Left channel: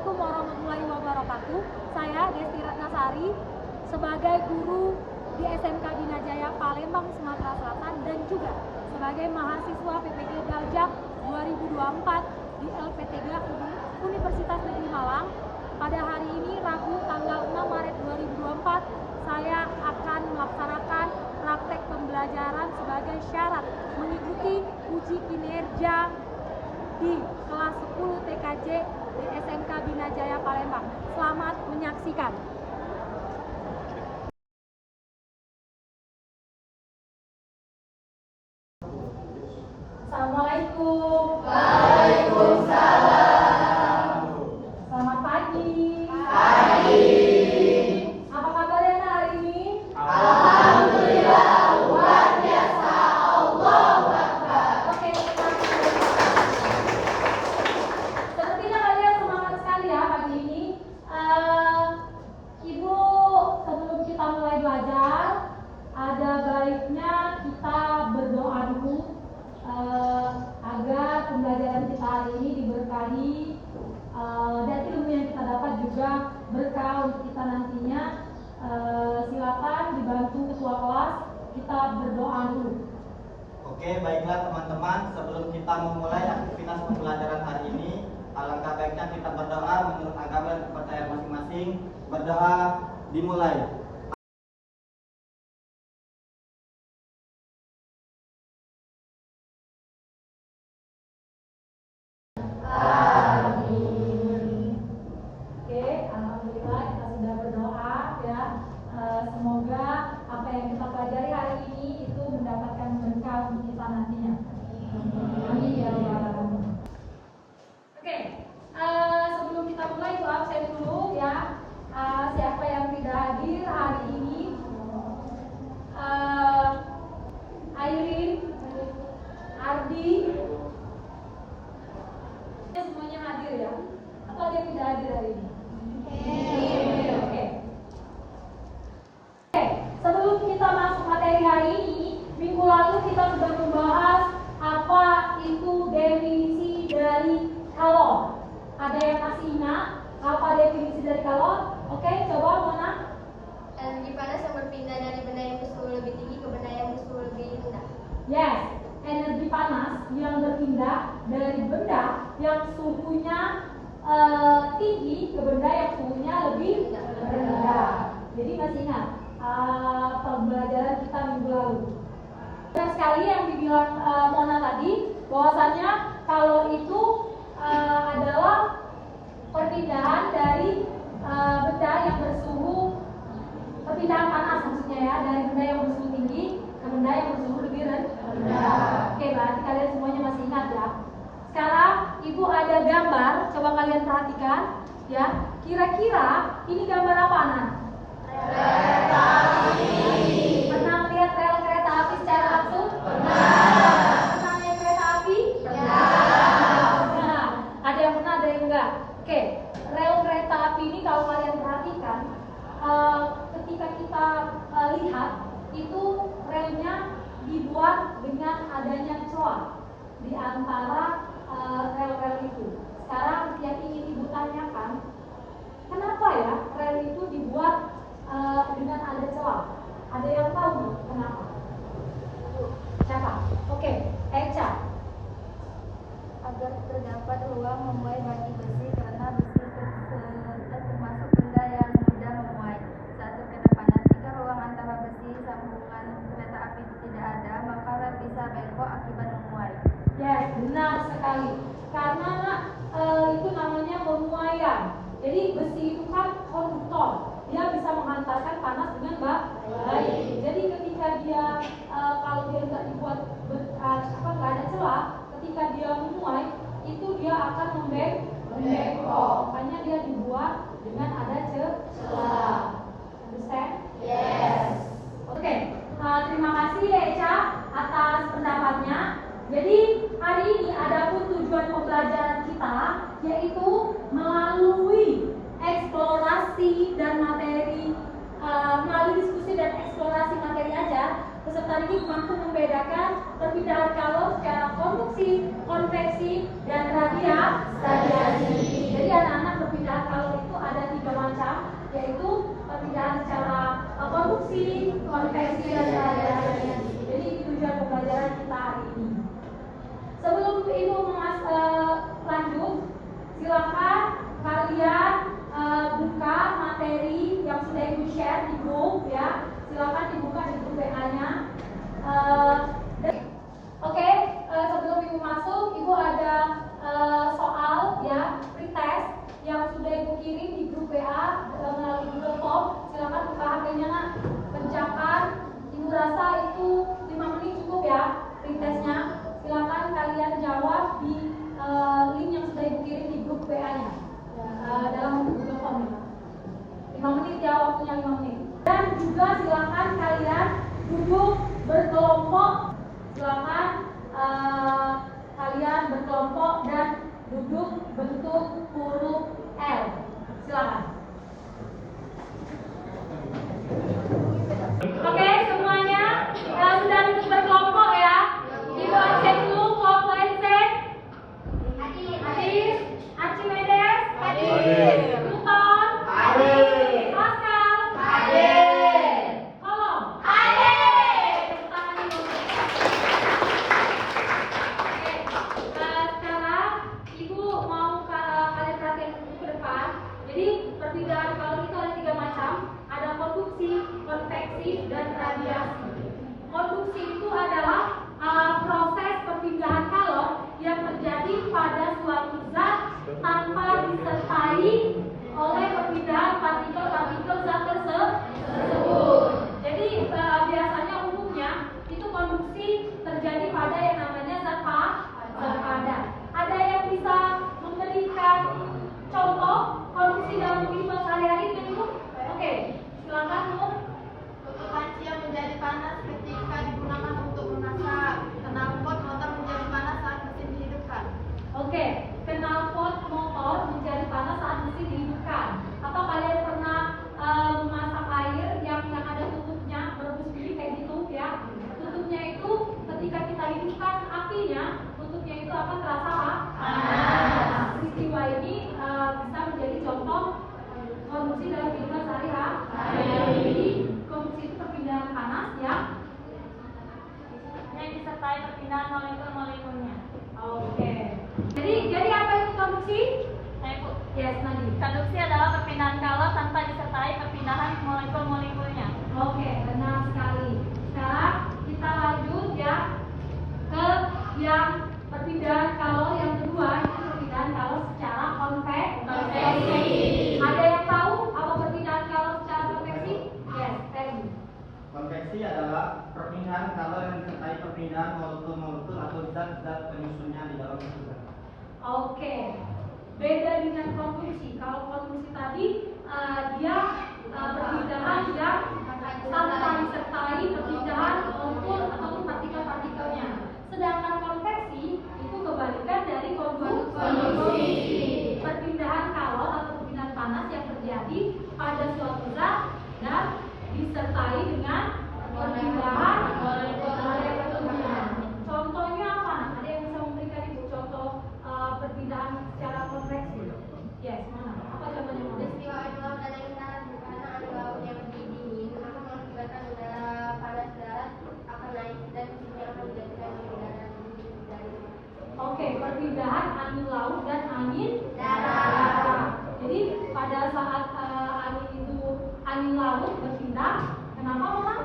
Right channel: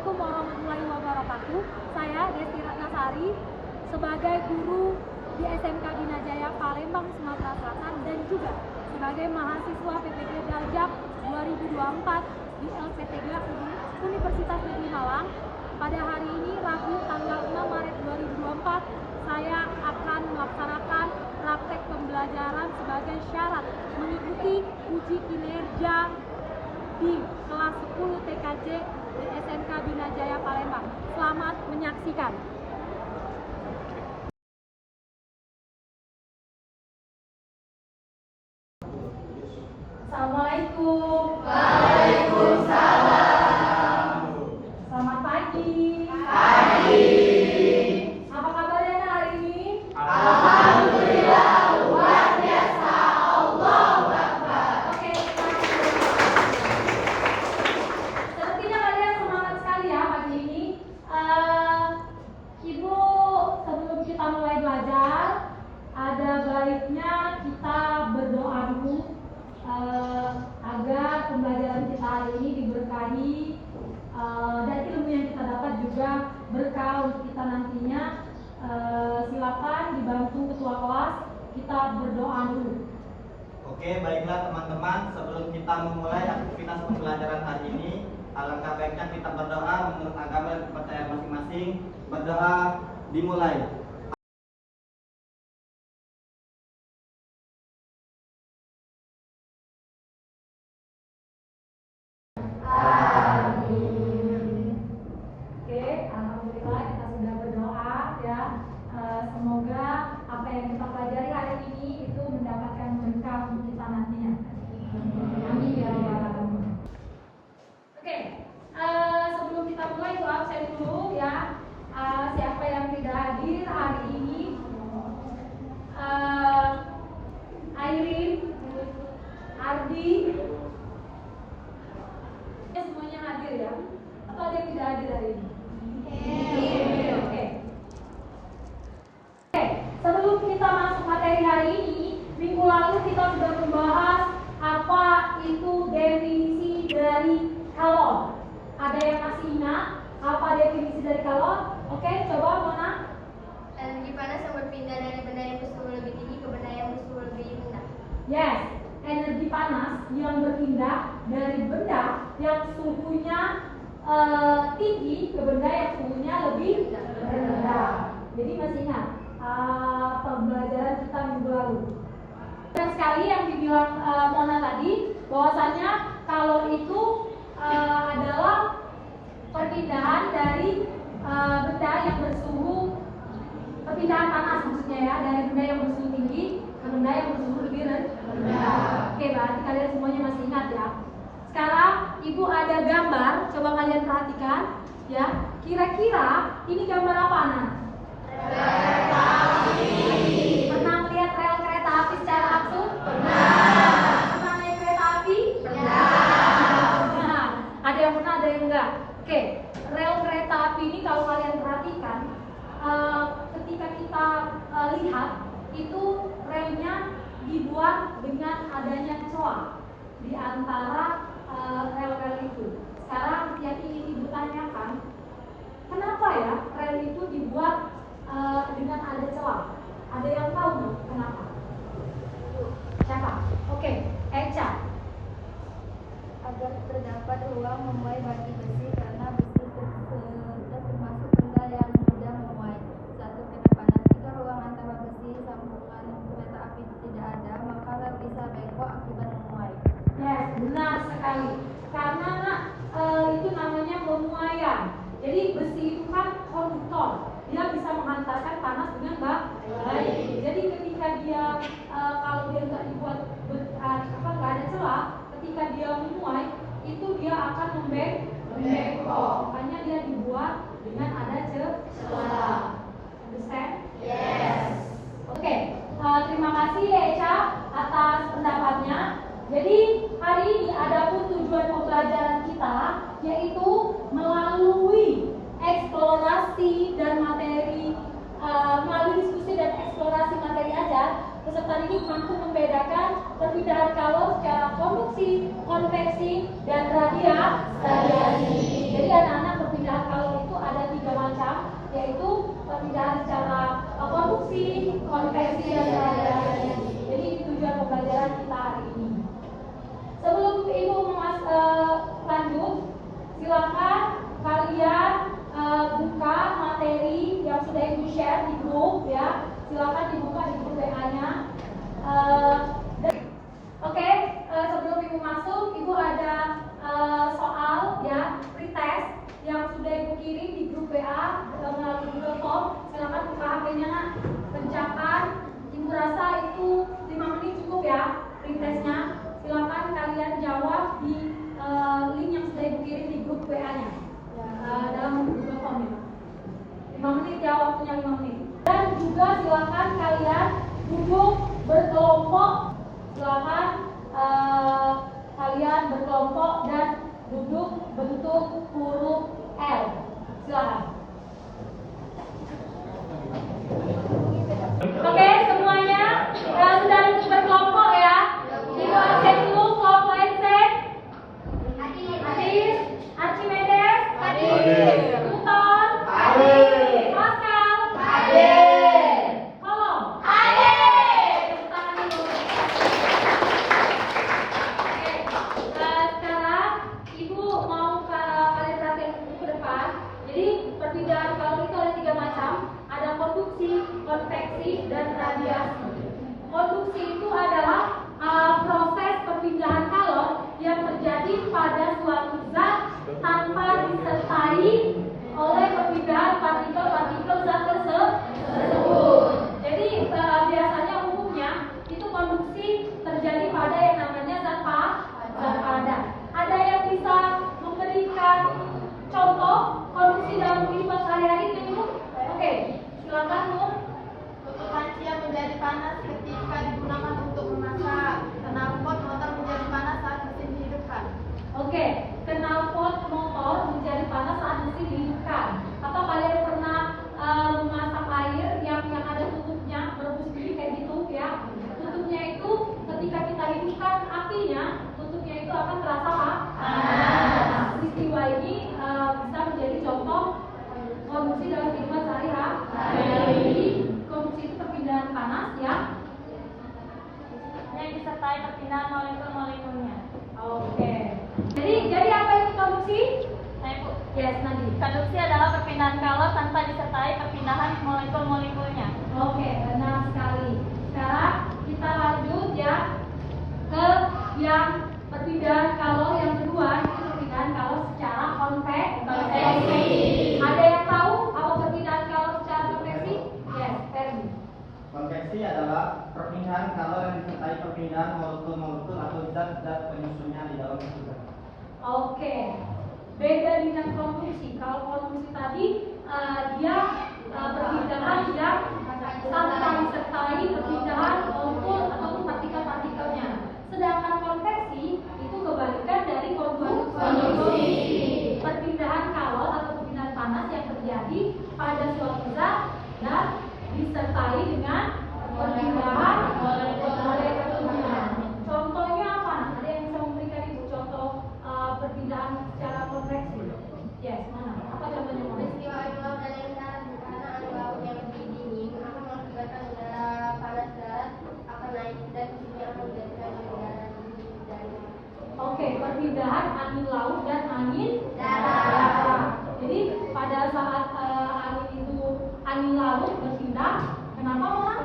Assalamualaikum warahmatullahi wabarakatuh. Saya Desti Ratnasari sebagai guru di SMK Bina Jaya Palembang, Sumatera Selatan dan juga sebagai mahasiswa PPG Darjak 2024 di LPTG Universitas Negeri Malang. Pada hari ini Rabu tanggal 6 Maret 2024 saya akan melaksanakan praktek pembelajaran sebagai syarat mengikuti uji kinerja di kelas 10 TKJ di SMK Bina Jaya Palembang. Selamat menyaksikan. Assalamualaikum. Waalaikumsalam. Selamat pagi. Pagi. Apa kabarnya hari ini? Alhamdulillah, luar biasa. Allahu Akbar. Oke. Sepertinya kalian semangat sekali ya pagi ini. Ibu, sebelum kita mulai belajar, ada baiknya kita berdoa dulu agar pembelajaran kita hari ini diberkahi dan ilmu yang kita dapat juga berkah untuk kita nantinya. Silakan dibantu ketua kelas, kita berdoa dulu. Oke, baiklah teman-teman, sebelum kita memulai aktivitas pembelajaran hari ini, alangkah baiknya kita berdoa menurut agama dan kepercayaan masing-masing. Berdoa dimulai. Oke, alhamdulillah kita sudah berdoa ya. Semoga apa yang kita pelajari hari ini itu mendapatkan berkah untuk kita nantinya. Amin ya rabbal alamin. Oke, sebelum kita mulai doa saya dulu ya. Siapa yang tidak hadir hari ini? Airin, Ardi, semuanya hadir ya? Atau ada yang tidak hadir hari ini? Oke. Sebelum kita masuk materi hari ini, minggu lalu kita sudah membahas apa itu definisi dari kalor. Ada yang masih ingat apa definisi dari kalor? Oke, coba Mona. Energi panas yang berpindah dari benda yang bersuhu lebih tinggi ke benda yang bersuhu lebih rendah. Yes, energi panas yang berpindah dari benda yang suhunya tinggi ke benda yang suhunya lebih rendah. Jadi masih ingat pembelajaran kita minggu lalu. Dan sekali yang dibilang Mona tadi, bahwasannya kalau itu adalah perpindahan dari benda yang bersuhu, perpindahan panas maksudnya ya, dari benda yang bersuhu tinggi ke benda yang bersuhu lebih rendah. Oke, berarti kalian semuanya masih ingat ya. Sekarang ibu ada gambar, coba kalian perhatikan ya. Kira-kira ini gambar apa Ana? Kereta api. Pernah lihat rel kereta api secara langsung? Pernah. Pernah naik kereta api? Pernah. Ada yang pernah, ada yang enggak. Oke, rel kereta api ini kalau kalian perhatikan, ketika kita lihat itu relnya dibuat dengan adanya celah di antara rel-rel itu. Sekarang yang ingin ibu tanyakan, kenapa ya rel itu dibuat dengan ada celah? Ada yang tahu nggak kenapa? Siapa? Oke, Echa. Agar terdapat ruang memuai bagi besi karena besi tersebut termasuk benda yang mudah memuai saat terkena panas. Jika ruang antara besi sambungan kereta api tidak ada, maka rel bisa bengkok akibat memuai. Yes, benar sekali. Karena itu namanya pemuaian. Jadi besi itu kan konduktor, dia bisa menghantarkan panas dengan baik. Jadi ketika dia kalau dia nggak dibuat nggak ada celah, ketika dia memuai itu dia akan membengkok. Makanya dia dibuat dengan ada celah. Understand? Yes. Oke, terima kasih ya Echa atas pendapatnya. Jadi hari ini adapun tujuan pembelajaran kita yaitu melalui eksplorasi dan materi, melalui diskusi dan eksplorasi materi ajar, peserta ini mampu membedakan perpindahan kalor secara konveksi, konveksi dan radiasi. Jadi anak-anak perpindahan silakan dibuka di grup WA-nya. Oke, sebelum Ibu masuk, Ibu ada soal ya, pretest yang sudah Ibu kirim di grup WA melalui Google Form. Silakan buka HP-nya, nak. Kerjakan. Ibu rasa itu 5 menit cukup ya pretestnya. Silakan kalian jawab di link yang sudah Ibu kirim di grup WA-nya dalam Google Form. 5 menit ya, waktunya 5 menit. Dan juga silakan kalian duduk berkelompok. Silakan kalian berkelompok dan duduk bentuk huruf L. Silakan. Oke, semuanya sudah duduk berkelompok ya. Ibu absen dulu kelompok NC. Hadir. Archimedes. Hadir. Newton. Hadir. Pascal. Hadir. Kolom. Hadir. Sekarang Ibu mau kalian perhatikan ke depan. Jadi perbedaan kalori itu ada 3 macam. Ada konduksi, konveksi, dan radiasi. Konduksi itu adalah proses perpindahan kalor yang terjadi pada suatu zat tanpa disertai oleh perpindahan partikel-partikel zat tersebut. Jadi biasanya umumnya itu konduksi terjadi pada yang namanya zat padat. Ada yang bisa memberikan contoh konduksi dalam kehidupan sehari-hari yang itu? Oke, silakan Bu. Untuk panci yang menjadi panas ketika digunakan untuk memasak, knalpot motor menjadi panas saat mesin dihidupkan. Oke, knalpot motor menjadi panas saat mesin dihidupkan. Atau kalian pernah memasak air yang ada tutupnya, berebus gini kayak gitu ya? Tutupnya itu ketika kita hidupkan apinya, tutupnya itu akan terasa panas. Peristiwa ini bisa menjadi contoh konduksi dalam kehidupan sehari-hari. Jadi konduksi itu perpindahan panas ya, Yang disertai perpindahan molekul-molekulnya. oke. Jadi apa itu konduksi? Yes, nanti. Konduksi adalah perpindahan kalor tanpa disertai perpindahan molekul-molekulnya. Oke, benar sekali. Sekarang kita lanjut ya ke yang perpindahan kalor yang kedua, itu perpindahan kalor secara konveksi. Ada yang tahu apa perpindahan kalor secara konveksi? Yes, Ferdi. Konveksi adalah perpindahan kalor yang disertai perpindahan molekul-molekul atau zat-zat penyusunnya di dalam tersebut. Oke, beda dengan konduksi. Kalau konduksi tadi dia perpindahan yang tanpa disertai perpindahan molekul atau partikel-partikelnya. Sedangkan konveksi itu kebalikan dari konduksi. Perpindahan kalor atau perpindahan panas yang terjadi pada suatu zat dan disertai dengan perpindahan molekul-molekul. Contohnya apa? Ada yang bisa memberikan Ibu contoh perpindahan secara konveksi? Yes, mana? Apa contohnya? Peristiwa adalah yang sangat sederhana adalah yang lebih dingin, namun menggunakan udara panas darat akan naik dan juga menjadikan udara dingin dan Oke, perpindahan angin laut dan angin darat. Jadi pada saat angin laut berpindah, kenapa orang?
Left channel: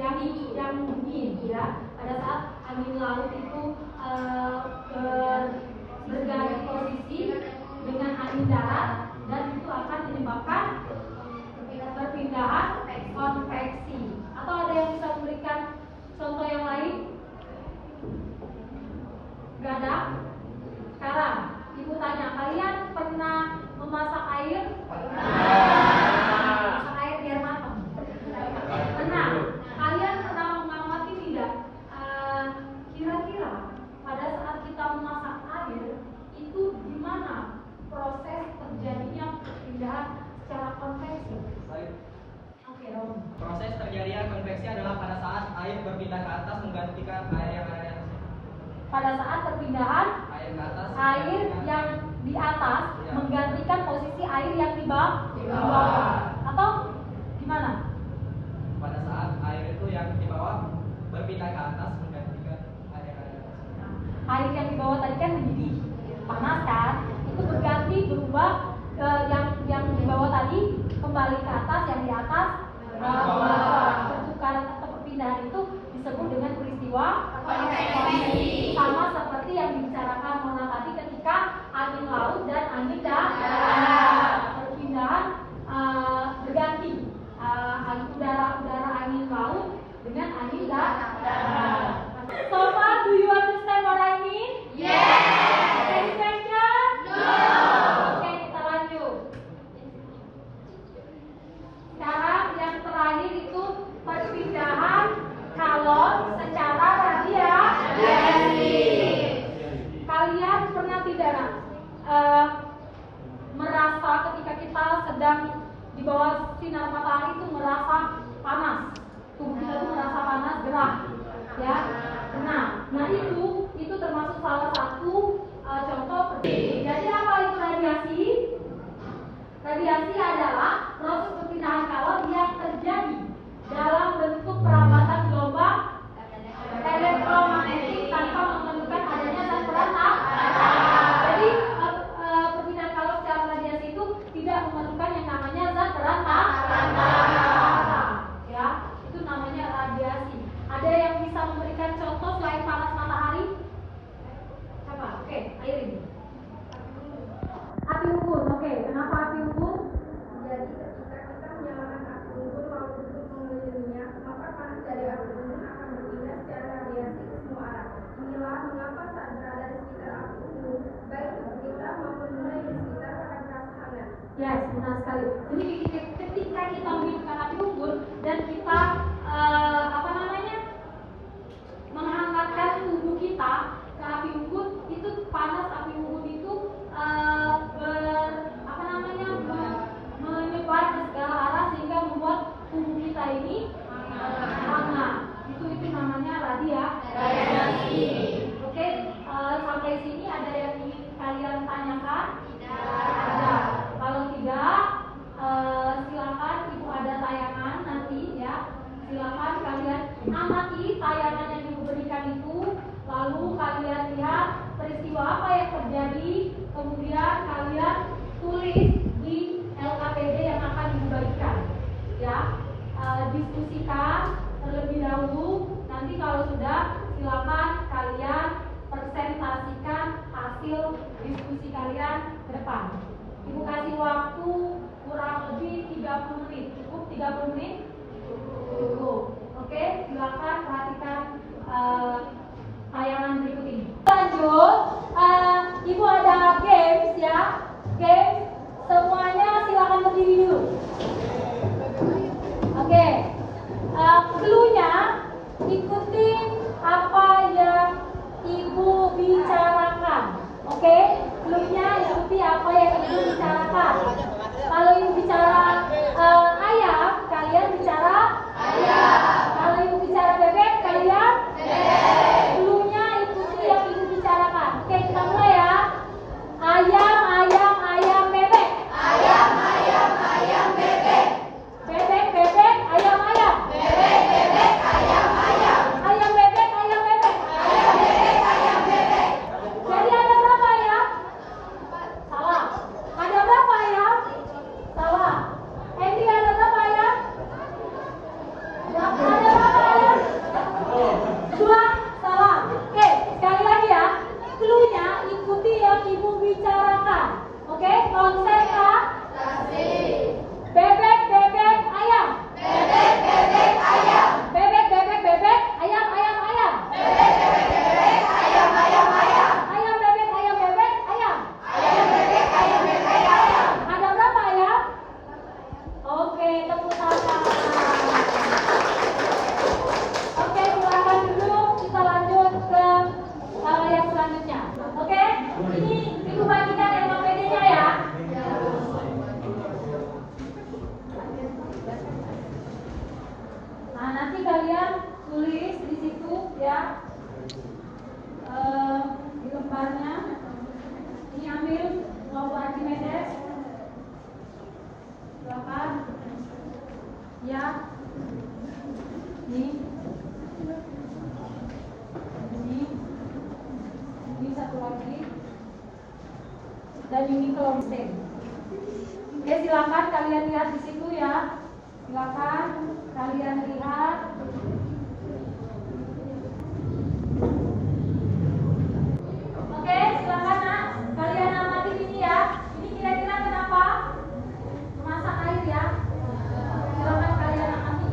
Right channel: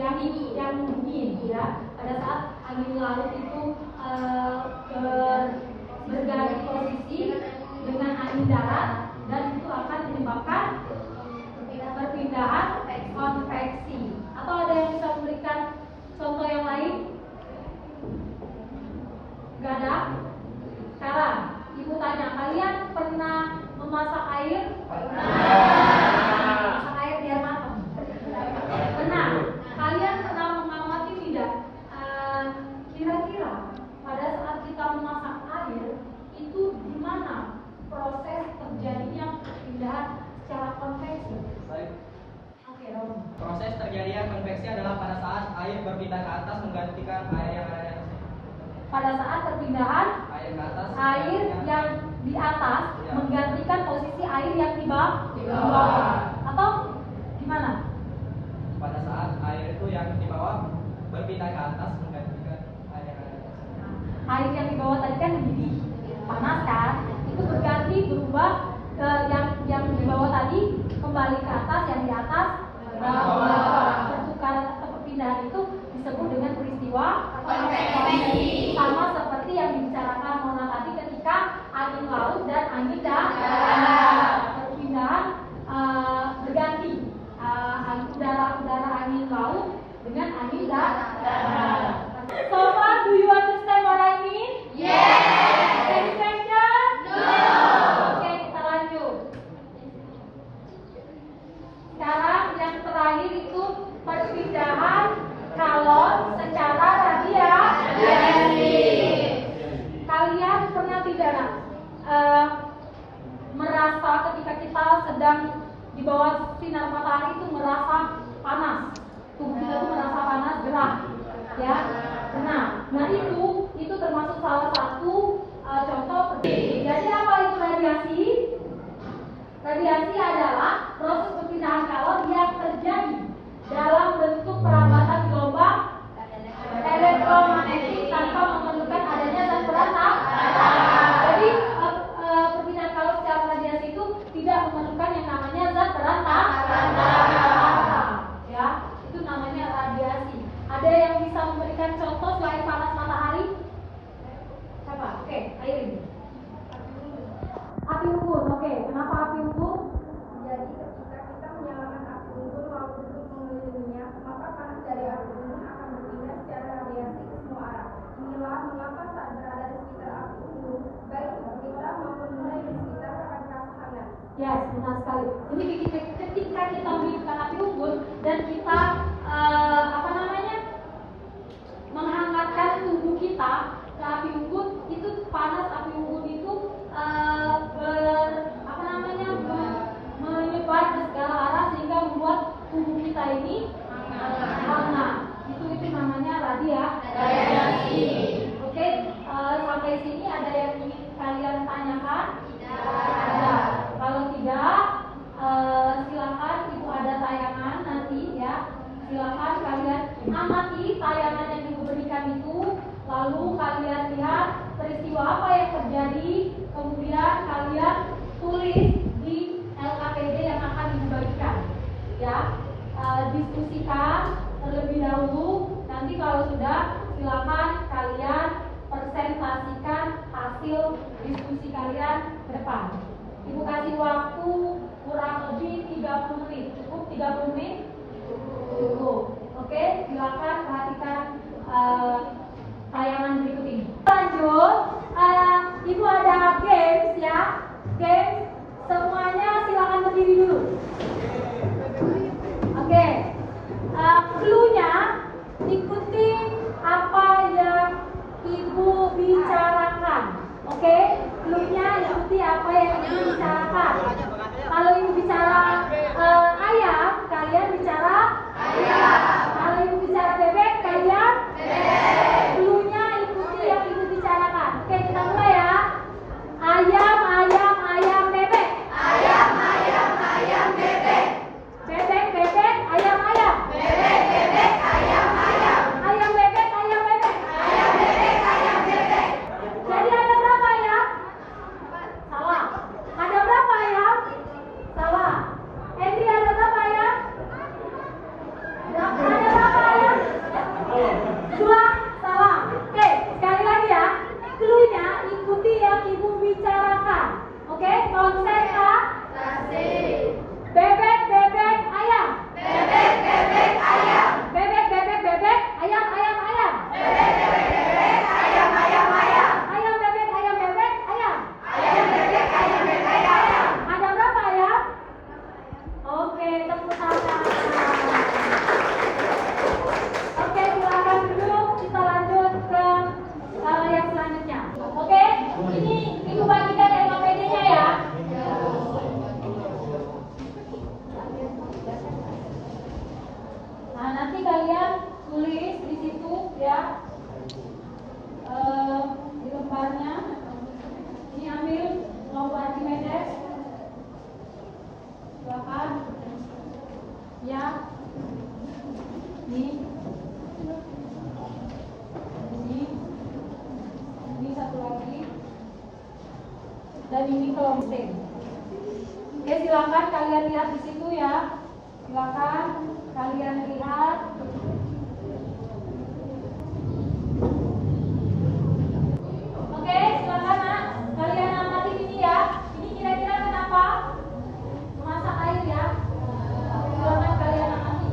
Yang dingin ya. Pada saat angin laut itu berganti posisi dengan angin darat dan itu akan menyebabkan perpindahan konveksi. Atau ada yang bisa memberikan contoh yang lain? Gak ada? Sekarang Ibu tanya, kalian pernah memasak air? Memasak air biar matang? Pernah? Kalian pernah mengamati tidak? Kira-kira pada saat kita memasak air itu gimana proses terjadinya perpindahan secara konveksi? Oke, Rom. Proses terjadinya konveksi adalah pada saat air berpindah ke atas menggantikan air yang ada di atas. Pada saat perpindahan Air ke atas. air yang di atas menggantikan posisi air yang di bawah. Atau gimana? Pada saat air itu yang di bawah berpindah ke atas menggantikan air yang ada di atas. Air yang di bawah tadi kan mendidih, panas kan? Itu berganti berubah Nah itu termasuk salah satu contoh. Jadi apa itu radiasi? Radiasi adalah proses perpindahan kalor yang terjadi dalam bentuk perambatan gelombang elektromagnetik tanpa memerlukan adanya zat berantam. Jadi perpindahan kalor secara radiasi itu tidak memerlukan yang namanya zat berantam. Ya, itu namanya radiasi. Ada yang bisa memberikan contoh selain panas matahari? Coba, oke, Airin. Api unggun, oke. Kenapa api unggun? Jadi ketika kita menyalakan api unggun lalu untuk mengelilinginya, maka panas dari api unggun akan berpindah secara radiasi ke semua arah. Inilah mengapa saat berada di sekitar api unggun, baik kita maupun mulai di sekitar akan terasa hangat. Yes, benar sekali. Jadi ketika kita menghidupkan api unggun dan kita menghangatkan tubuh kita ke api unggun, itu panas api unggun itu menyebar ke segala arah sehingga membuat tubuh kita ini hangat. Itu namanya radiasi. Oke, sampai sini ada yang ingin kalian tanyakan? Ada. Kalau tidak, silakan ibu ada tayangan nanti ya. Silakan kalian amati tayangan yang ibu berikan itu, lalu kalian lihat peristiwa apa yang terjadi, kemudian kalian tulis di LKPD yang akan ibu bagikan. Ya, diskusikan terlebih dahulu. Nanti kalau sudah, silakan kalian presentasikan hasil diskusi kalian ke depan. Ibu kasih waktu kurang lebih 30 menit. Cukup 30 menit? Cukup. Oke, silakan perhatikan tayangan berikut ini. Lanjut, ibu ada games ya. Games, semuanya silakan berdiri dulu. Oke, clue-nya ikuti apa yang ibu bicarakan. Oke, clue-nya ikuti apa yang ibu bicarakan. Kalau ibu bicara ayam, kalian bicara ayam. Kalau ibu bicara bebek, kalian bebek. Clue-nya ikuti yang ibu bicarakan. Oke, kita mulai ya. Ayam, ayam, ayam, bebek. Ayam, ayam, ayam, bebek. Bebek, bebek, ayam, ayam. Bebek, bebek, ayam, ayam. Ayam, bebek, ayam, bebek. Ayam, bebek, ayam, bebek. Jadi ada berapa ayam? Salah. Ada berapa ayam? Salah. Henry, ada berapa ayam? Ada berapa ayam? 2. Salah. Oke, sekali lagi ya. Clue-nya ikuti yang ibu bicarakan. Oke, konsentrasi. Bebek, bebek, ayam. Bebek, bebek, ayam. Bebek, bebek, bebek, ayam, ayam, ayam. Bebek, bebek, bebek, ayam, ayam, ayam. Ayam, bebek, ayam, bebek, ayam. Ayam, bebek, ayam, bebek, ayam. Ada berapa ayam? Oke, tepuk tangan. Oke, silakan duduk. Kita lanjut ke yang selanjutnya. Oke, ini ibu bagikan LKPD-nya ya. Nah, nanti kalian tulis di situ ya, di lembarnya. Ini ambil nomor Archimedes. Silakan. Ya. Ini satu lagi. Dan ini kelompen. Oke, silakan kalian lihat di situ ya. Silakan kalian lihat. Oke, silakan nak. Kalian amati ini ya. Ini kira-kira kenapa? Memasak air ya. Silakan kalian amati.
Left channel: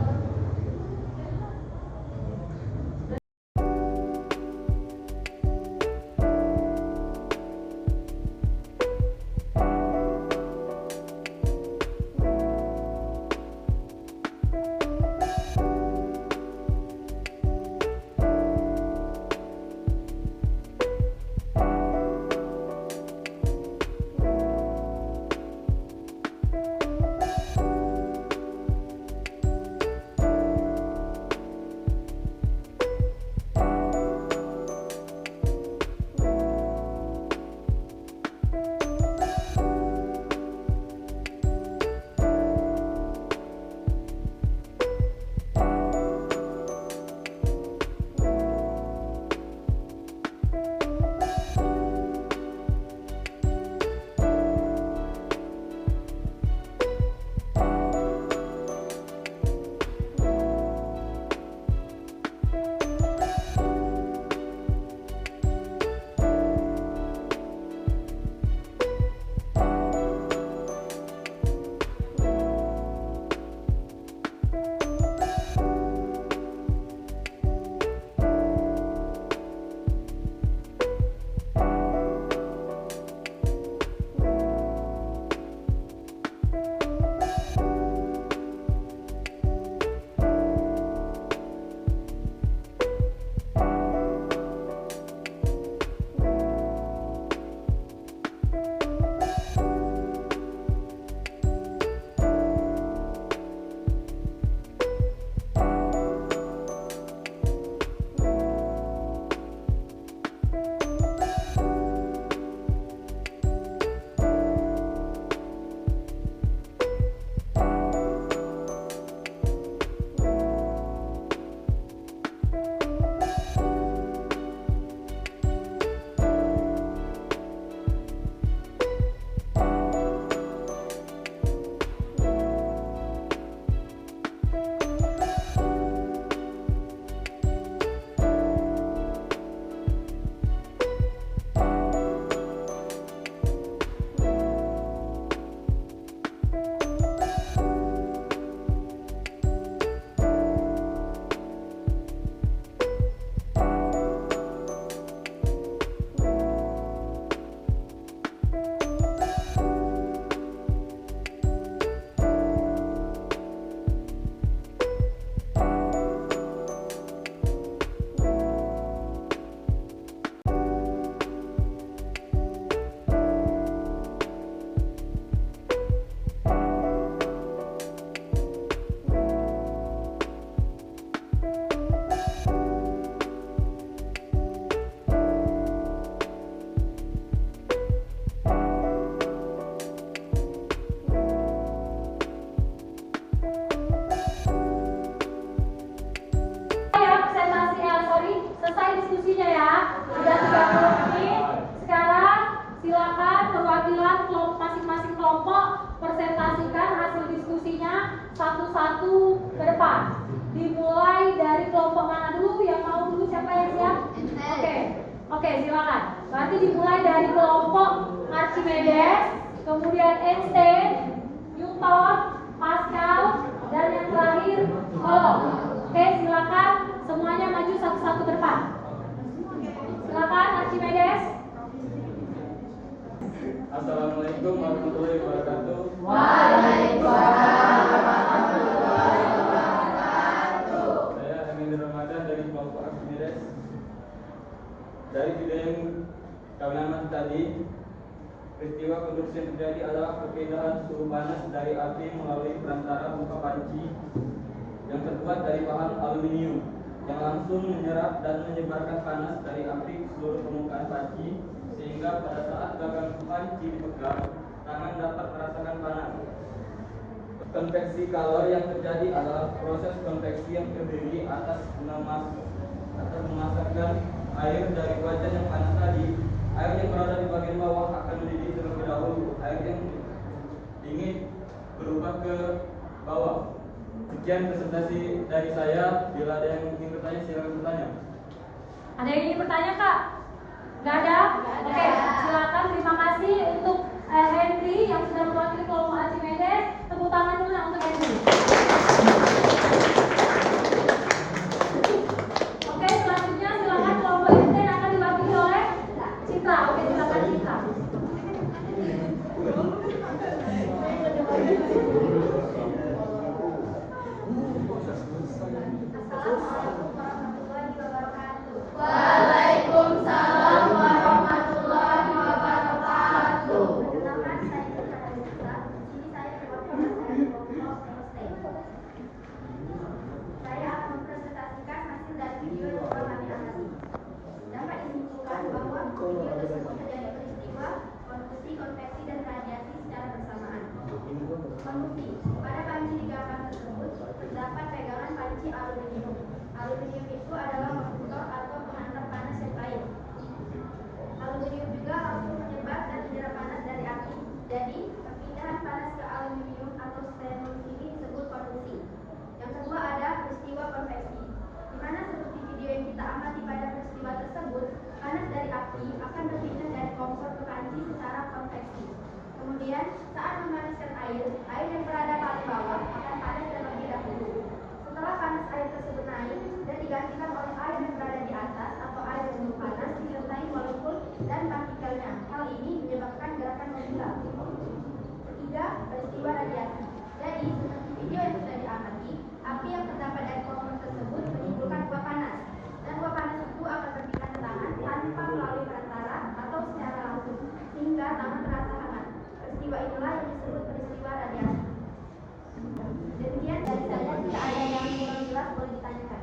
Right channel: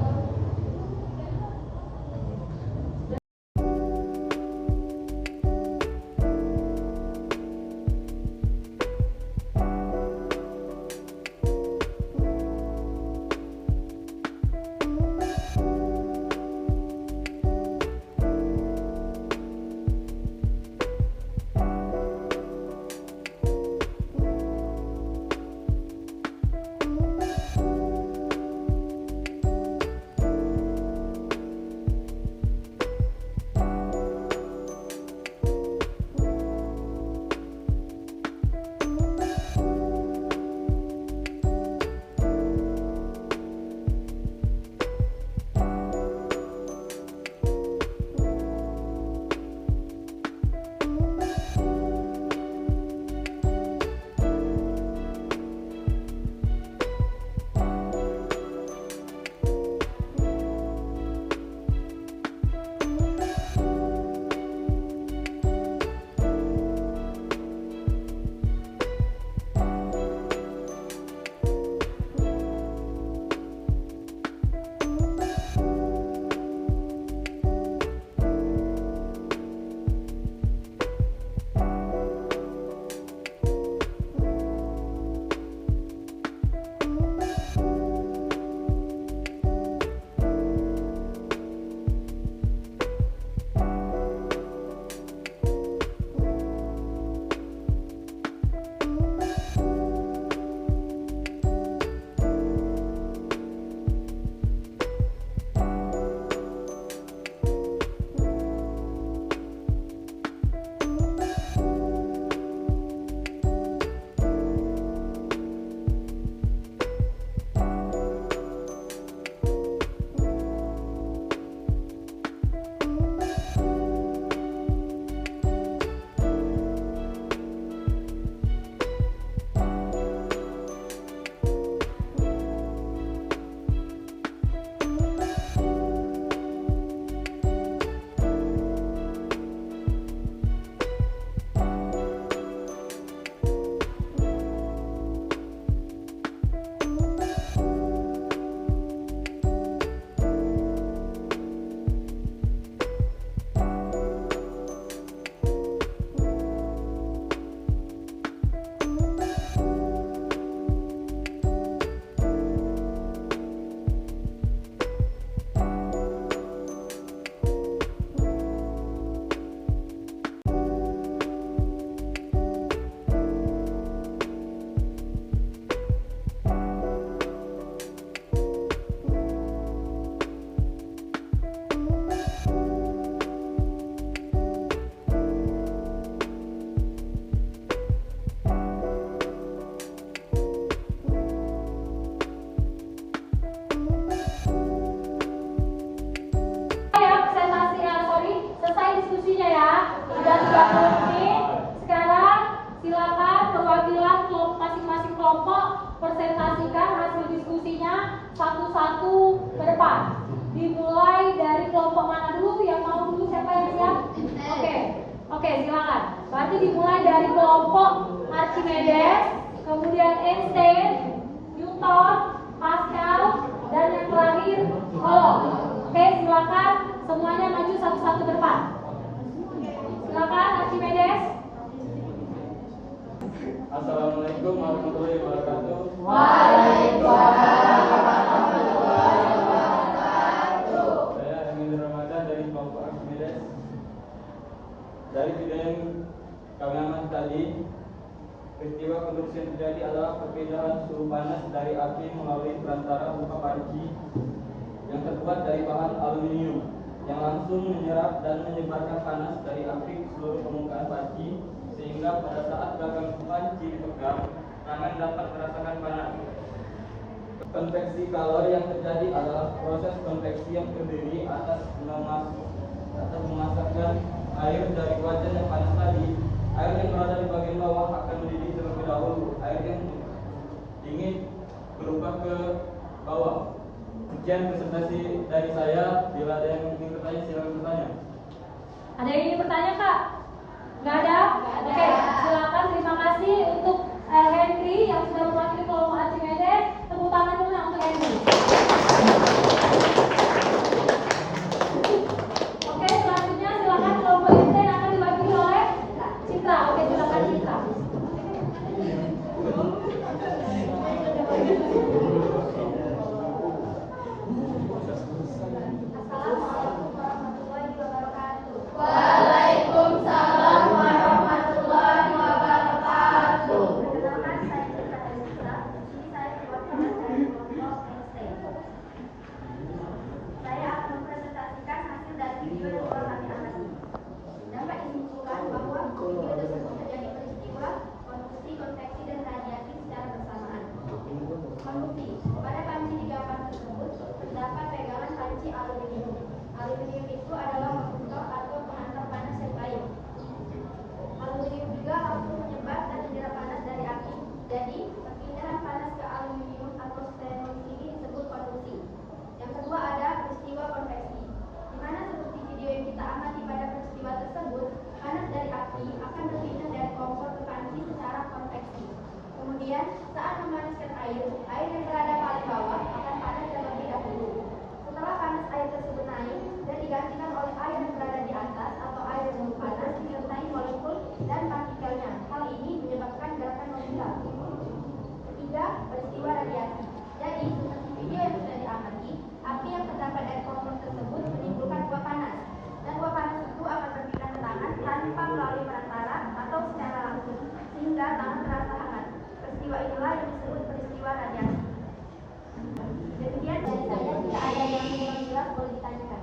Oke, silakan. Berarti dimulai dari kelompok Archimedes, kemudian Einstein, Newton, Pascal, dan yang terakhir Coulomb. Oke, silakan semuanya maju satu-satu ke depan. Silakan Archimedes. Assalamualaikum warahmatullahi wabarakatuh. Waalaikumsalam warahmatullahi wabarakatuh. Saya Emil Ramadan dari kelompok Archimedes. Dari video yang kami amati tadi, peristiwa kebersihan terjadi adalah perpindahan suhu panas dari api melalui perantara berupa panci yang terbuat dari bahan aluminium yang langsung menyerap dan menyebarkan panas dari api ke seluruh permukaan panci, sehingga pada saat gagang panci dipegang, tangan dapat merasakan panas. Konveksi kalor yang terjadi adalah proses konveksi yang terdiri atas memasakkan air dari wajan yang panas tadi. Air yang berada di bagian bawah akan mendidih terlebih dahulu. Air yang dingin berubah ke bawah. Sekian presentasi dari saya. Bila ada yang ingin bertanya, silakan bertanya. Ada yang ingin bertanya, Kak? Nggak ada? Oke, silakan. Terima kasih untuk Henry yang sudah mewakili kelompok Archimedes. Tepuk tangan dulu untuk Henry. Oke, selanjutnya silakan kelompok Einstein akan diwakili oleh Citra. Oke, silakan Citra. Waalaikumsalam warahmatullahi wabarakatuh. Saya akan mempresentasikan hasil dari video yang telah kami amati. Dapat disimpulkan bahwa video tersebut terjadi peristiwa konduksi, konveksi, dan radiasi secara bersamaan. Konduksi. Pada panci 3 tersebut terdapat pegangan panci aluminium. Aluminium itu adalah konduktor atau pengantar panas yang baik. Aluminium juga langsung menyebar dan menyerap panas dari api. Jadi, perpindahan panas ke aluminium atau stainless ini disebut konduksi. Yang kedua ada peristiwa konveksi, di mana seperti video yang kita amati pada peristiwa tersebut, panas dari api akan berpindah dari kompor ke panci secara konveksi. Kemudian, saat memanaskan air yang berada paling bawah akan panas terlebih dahulu. Setelah panas air tersebut naik dan digantikan oleh air yang berada di atas atau air yang panas disertai molekul dan partikelnya. Hal ini menyebabkan gerakan modular. Ketiga, peristiwa radiasi. Jadi, seperti video yang sudah diamati, api yang terdapat dari kompor tersebut menimbulkan uap panas, dan uap panas itu akan berpindah ke tangan tanpa melalui perantara atau secara langsung, sehingga tangan terasa hangat. Peristiwa inilah yang disebut peristiwa radiasi. Demikian dari saya, jika ada yang kurang jelas boleh ditanyakan.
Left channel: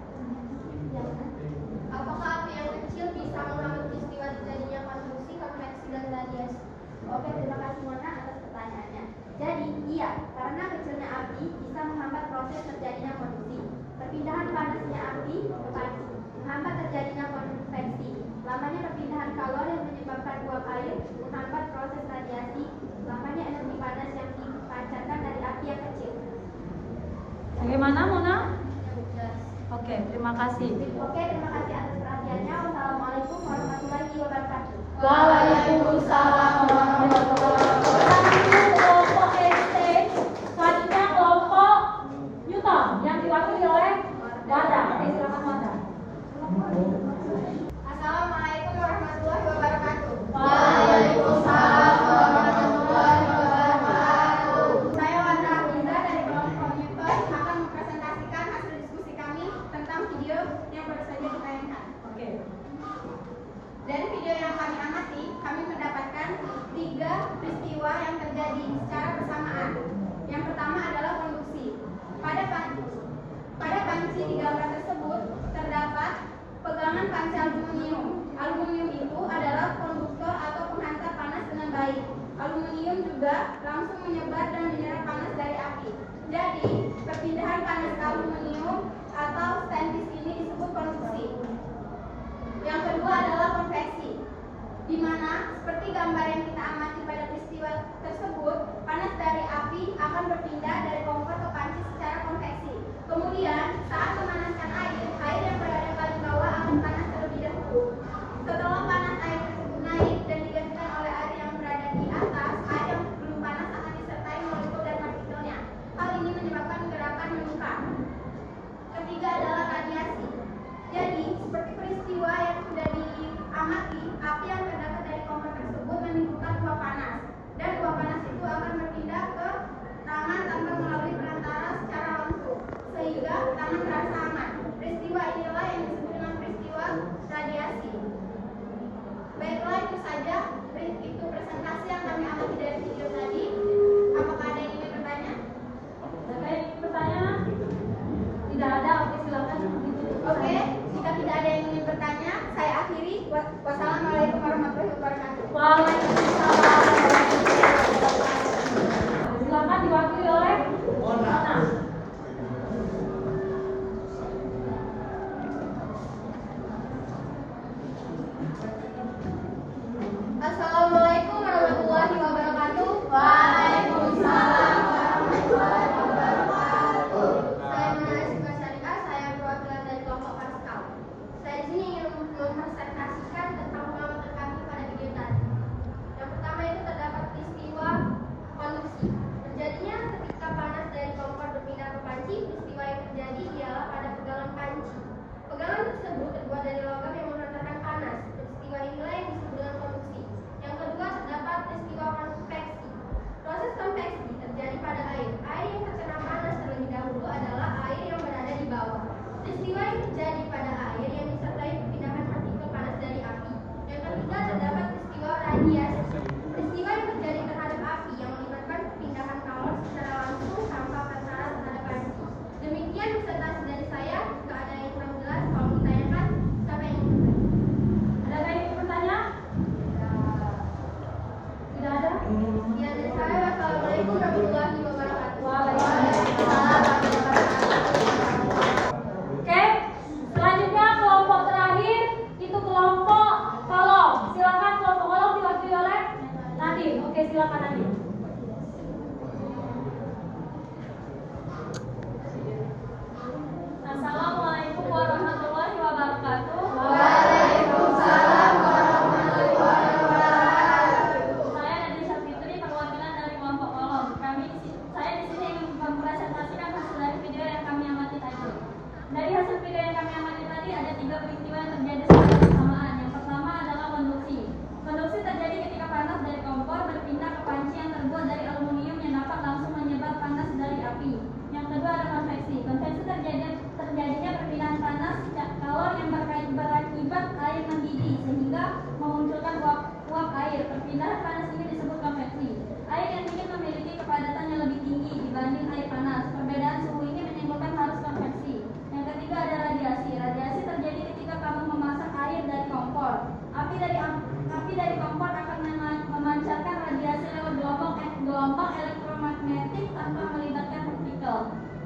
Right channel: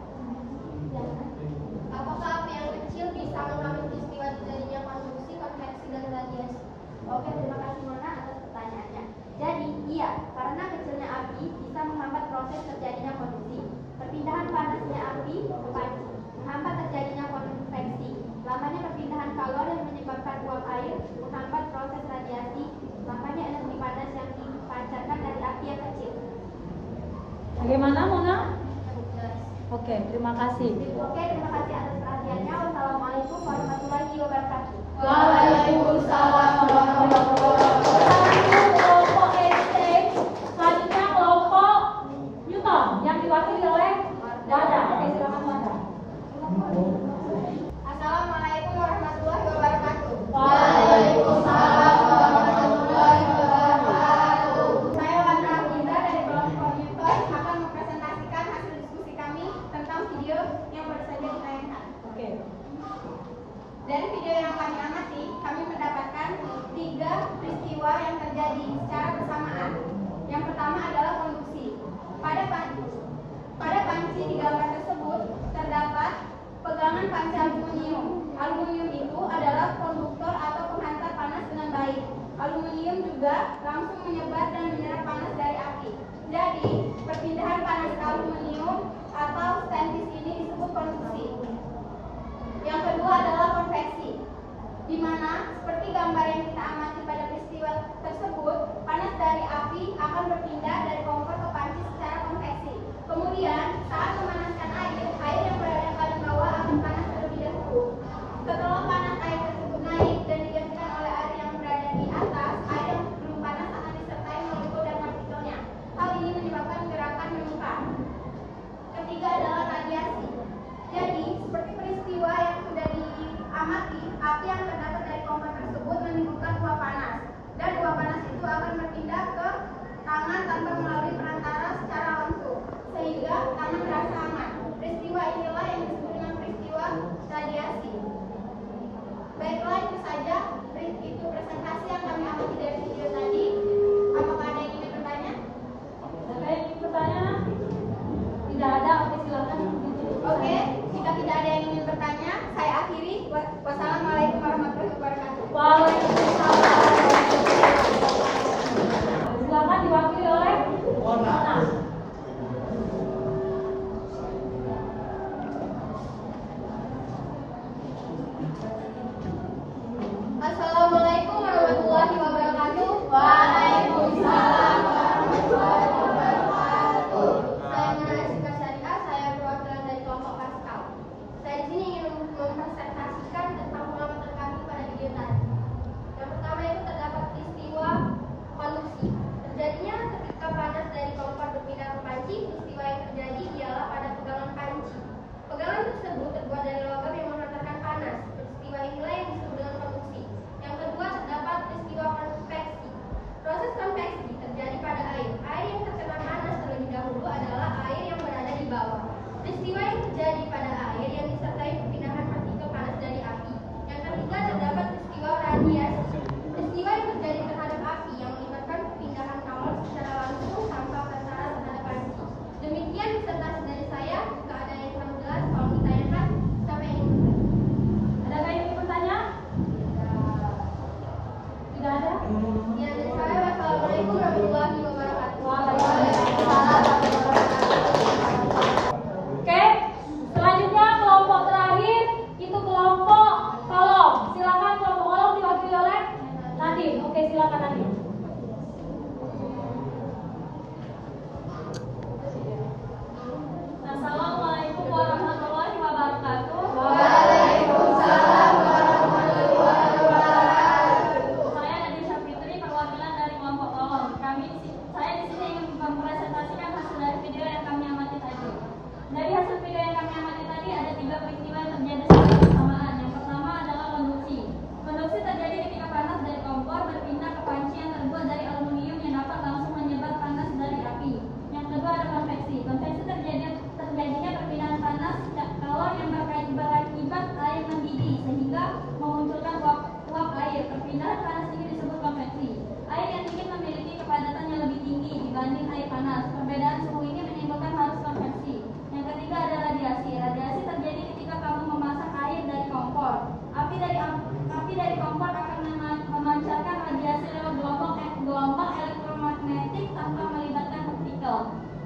Apakah api yang kecil bisa mengalami peristiwa terjadinya konduksi, konveksi, dan radiasi? Oke, terima kasih Mona atas pertanyaannya. Jadi, iya, karena kecilnya api bisa menghambat proses terjadinya konduksi, perpindahan panasnya api ke panci, menghambat terjadinya konveksi, lamanya perpindahan kalor yang menyebabkan uap air, menghambat proses radiasi, lamanya energi panas yang dipancarkan dari api yang kecil. Bagaimana, Mona? Oke, terima kasih. Oke, terima kasih atas perhatiannya. Wassalamualaikum warahmatullahi wabarakatuh. Waalaikumsalam warahmatullahi wabarakatuh. Kelompok Einstein, selanjutnya kelompok Newton yang diwakili oleh Wanda. Oke, silakan Wanda. Assalamualaikum warahmatullahi wabarakatuh. Waalaikumsalam warahmatullahi wabarakatuh. Saya Wanda Afiza dari kelompok Newton akan mempresentasikan hasil diskusi kami tentang video yang baru saja ditayangkan. Oke. Dari video yang kami amati, kami mendapatkan 3 peristiwa yang terjadi secara bersamaan. Yang pertama adalah konduksi. Pada panci di gambar tersebut terdapat pegangan panci aluminium. Aluminium itu adalah konduktor atau penghantar panas dengan baik. Aluminium juga langsung menyebar dan menyerap panas dari api. Jadi, perpindahan panas ke aluminium atau stainless ini disebut konduksi. Yang kedua adalah konveksi, di mana seperti gambar yang kita amati pada peristiwa tersebut, panas dari api akan berpindah dari kompor ke panci secara konveksi. Kemudian, saat memanaskan air yang berada paling bawah akan panas terlebih dahulu.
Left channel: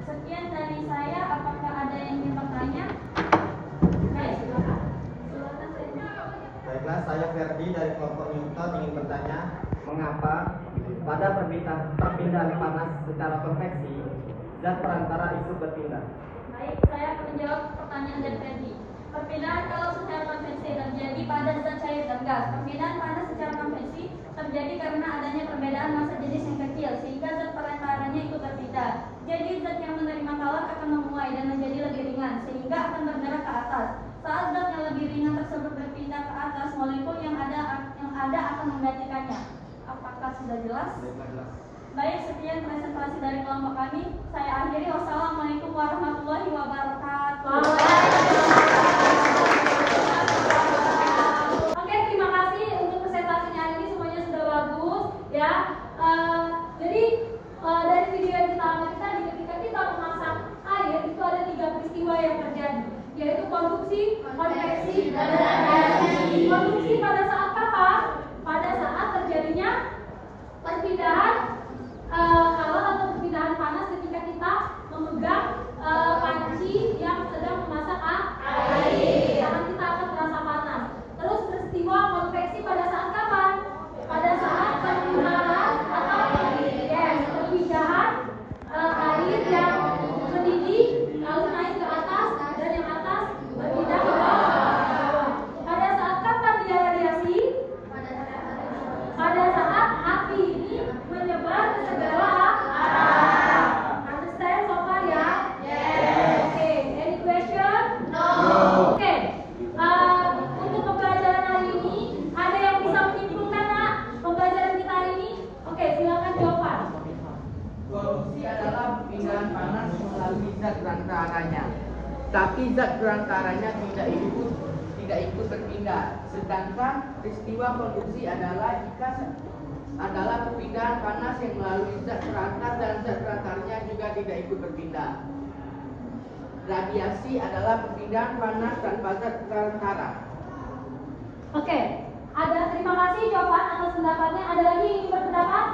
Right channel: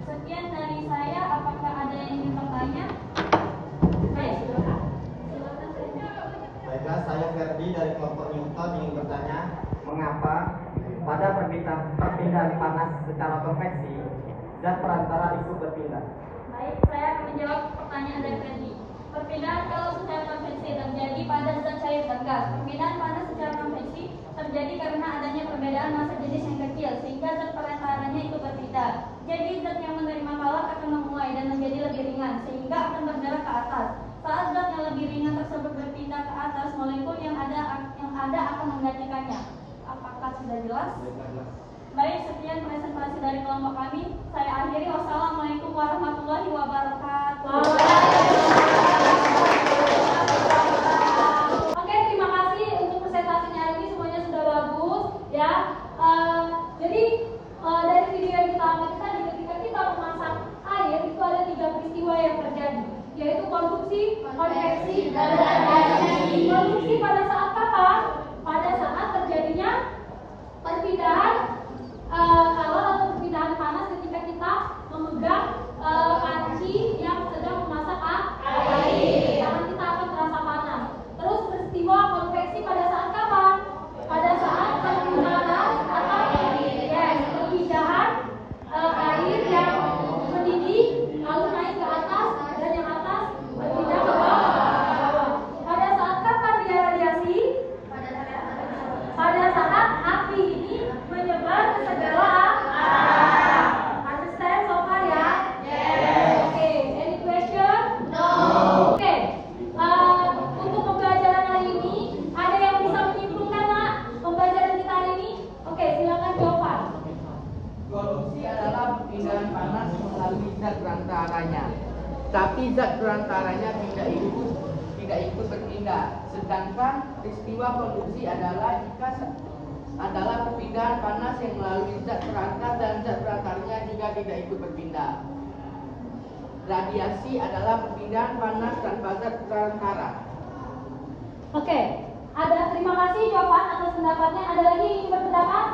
Sekian dari saya. Apakah ada yang ingin bertanya? Silakan. Baiklah, saya Ferdi dari kelompok Newton ingin bertanya, mengapa pada perpindahan panas secara konveksi zat perantara itu berpindah? Baik, saya akan menjawab pertanyaan dari Ferdi. Perpindahan kalau secara konveksi terjadi pada zat cair dan gas. Perpindahan panas secara konveksi terjadi karena adanya perbedaan massa jenis yang kecil sehingga zat perantaranya itu berpindah. Jadi zat yang menerima kalor akan menguai dan menjadi lebih ringan sehingga akan bergerak ke atas. Saat zat yang lebih ringan tersebut berpindah ke atas, molekul yang ada akan menggantikannya. Apakah sudah jelas? Baik, sekian presentasi dari kelompok kami. Saya akhiri. Wassalamualaikum warahmatullahi wabarakatuh. Oke, terima kasih untuk presentasinya hari ini, semuanya sudah bagus ya. Jadi dari video yang kita ambil tadi, ketika kita memasak air itu ada 3 peristiwa yang terjadi, yaitu konduksi, konveksi, dan radiasi. Konduksi pada saat apa? Pada saat terjadinya perpindahan kalor atau perpindahan panas ketika kita memegang panci yang sedang memasak air. Karena kita akan terasa panas. Terus peristiwa konveksi pada saat kapan? Pada saat perpindahan atau perpindahan air yang mendidih lalu naik ke atas dan yang atas berpindah ke bawah. Pada saat kapan dia radiasi? Pada saat api ini menyebar ke segala arah. Understand so far ya? Yes. Okay. Any question? No. Okay. Untuk pembelajaran hari ini, ada yang bisa menyimpulkan nak pembelajaran kita hari ini? Oke, silakan Jovan. Konduksi adalah perpindahan panas melalui zat berantaranya. Tapi zat berantaranya tidak ikut berpindah. Sedangkan peristiwa konduksi adalah perpindahan panas yang melalui zat perantar dan zat perantarnya juga tidak ikut berpindah. Radiasi adalah perpindahan panas tanpa zat perantara. Oke. Terima kasih Jovan atas pendapatnya. Ada lagi yang ingin berpendapat?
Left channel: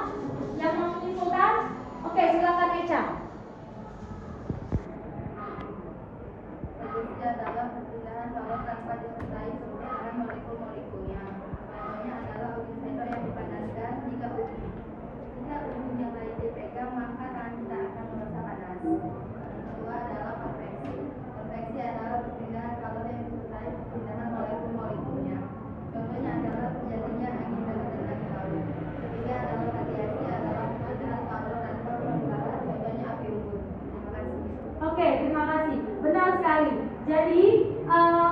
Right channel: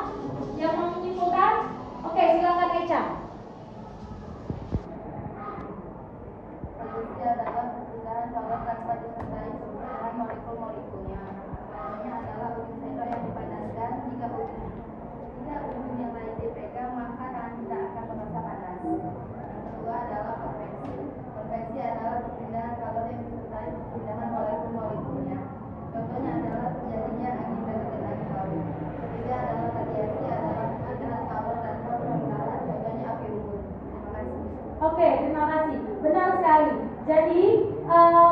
Yang mau menyimpulkan? Oke, silakan Eca. Konduksi adalah perpindahan kalor tanpa disertai perubahan molekul-molekulnya. Contohnya adalah ujung sendok yang dipanaskan. Jika ujung yang lain dipegang, maka tangan kita akan merasa panas. Yang kedua adalah konveksi. Konveksi adalah perpindahan kalor yang disertai perpindahan molekul-molekulnya. Contohnya adalah terjadinya angin dengan angin laut. Ketiga adalah radiasi, adalah perpindahan kalor tanpa perubahan. Contohnya api unggun. Terima kasih. Oke, terima kasih. Benar sekali. Jadi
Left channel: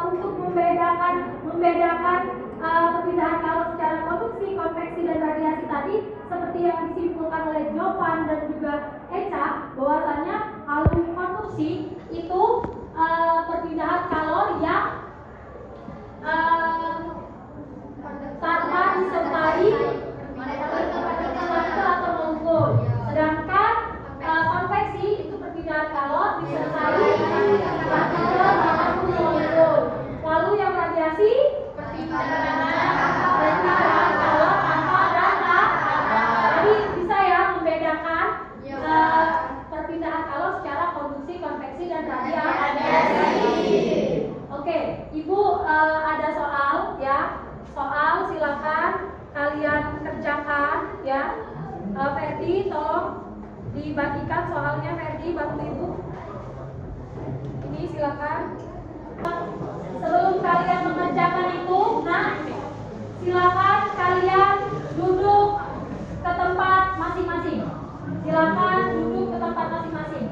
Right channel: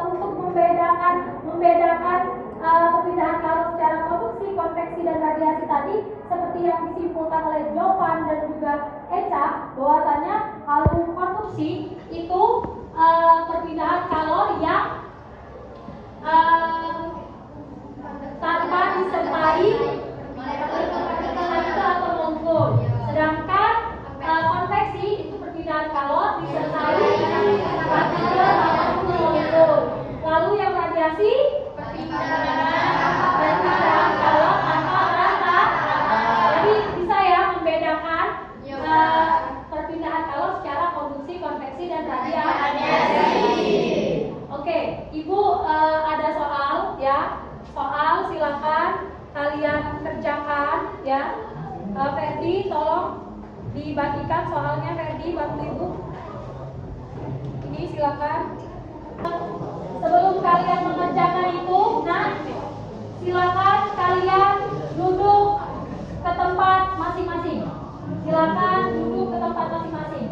untuk membedakan perpindahan kalor secara konduksi, konveksi dan radiasi tadi, seperti yang disimpulkan oleh Jovan dan juga Eca, bahwasannya kalau konduksi itu perpindahan kalor yang tanpa disertai molekul atau molekul. Sedangkan konveksi itu perpindahan kalor disertai partikel atau molekul. Lalu yang radiasi perpindahan kalor tanpa perantar. Jadi bisa ya membedakan perpindahan kalor secara konduksi, konveksi dan radiasi. Oke, Ibu ada soal ya. Soal silakan kalian kerjakan ya. Ferdi tolong dibagikan soalnya, Ferdi bantu Ibu. Ini silakan. Sebelum kalian mengerjakan itu, nah silakan kalian duduk ke tempat masing-masing. Silakan duduk ke tempat masing-masing.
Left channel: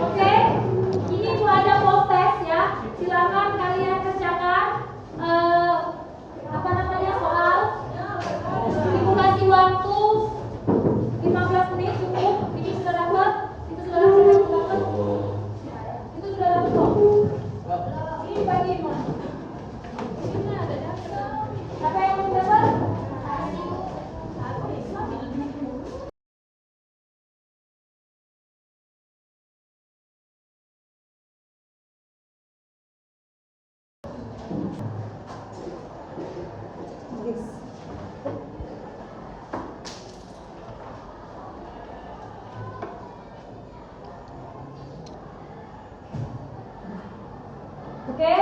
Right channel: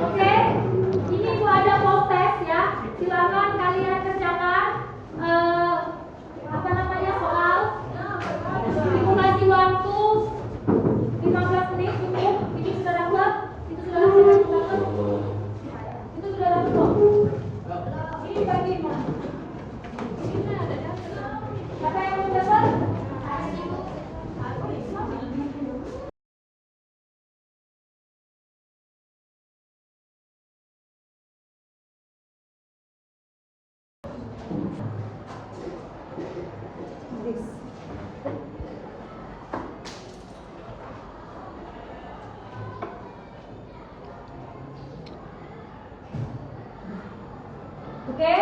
Oke, ini tuh ada post test ya. Silakan kalian kerjakan soal Oke,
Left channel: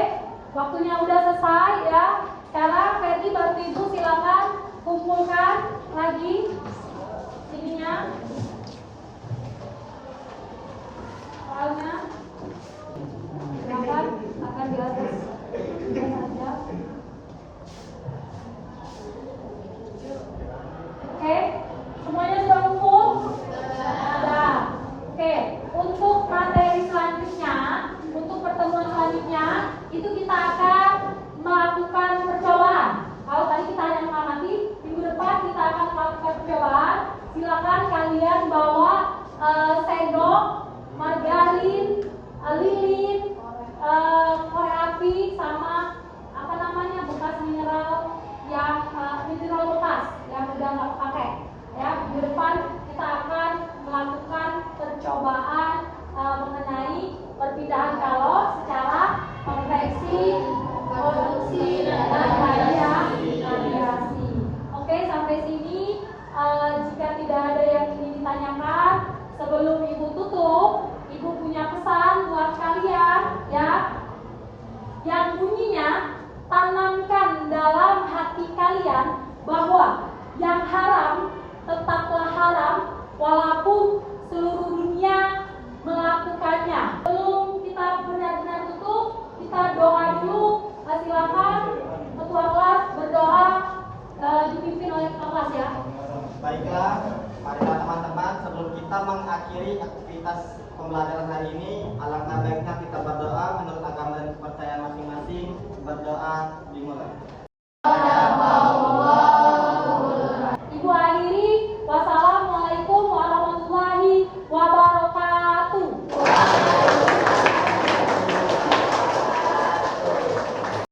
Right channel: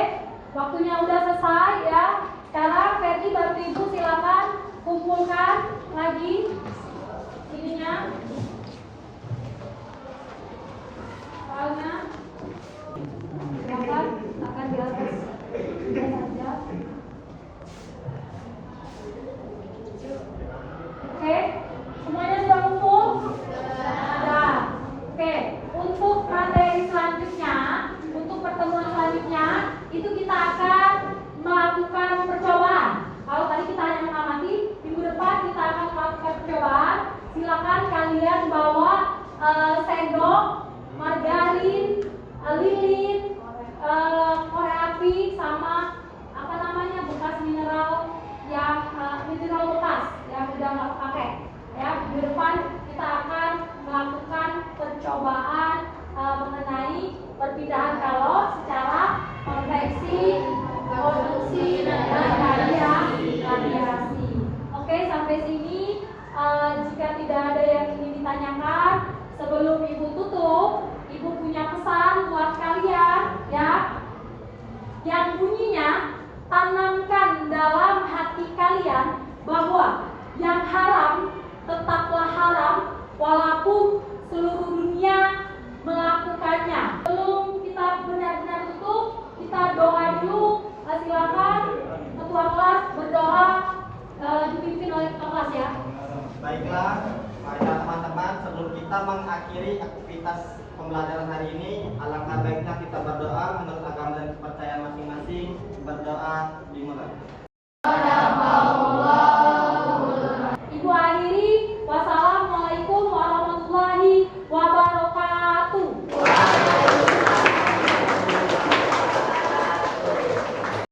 waktunya udah selesai ya. Sekarang Ferdi Bapak Ibu silakan kumpulkan lagi ininya soalnya.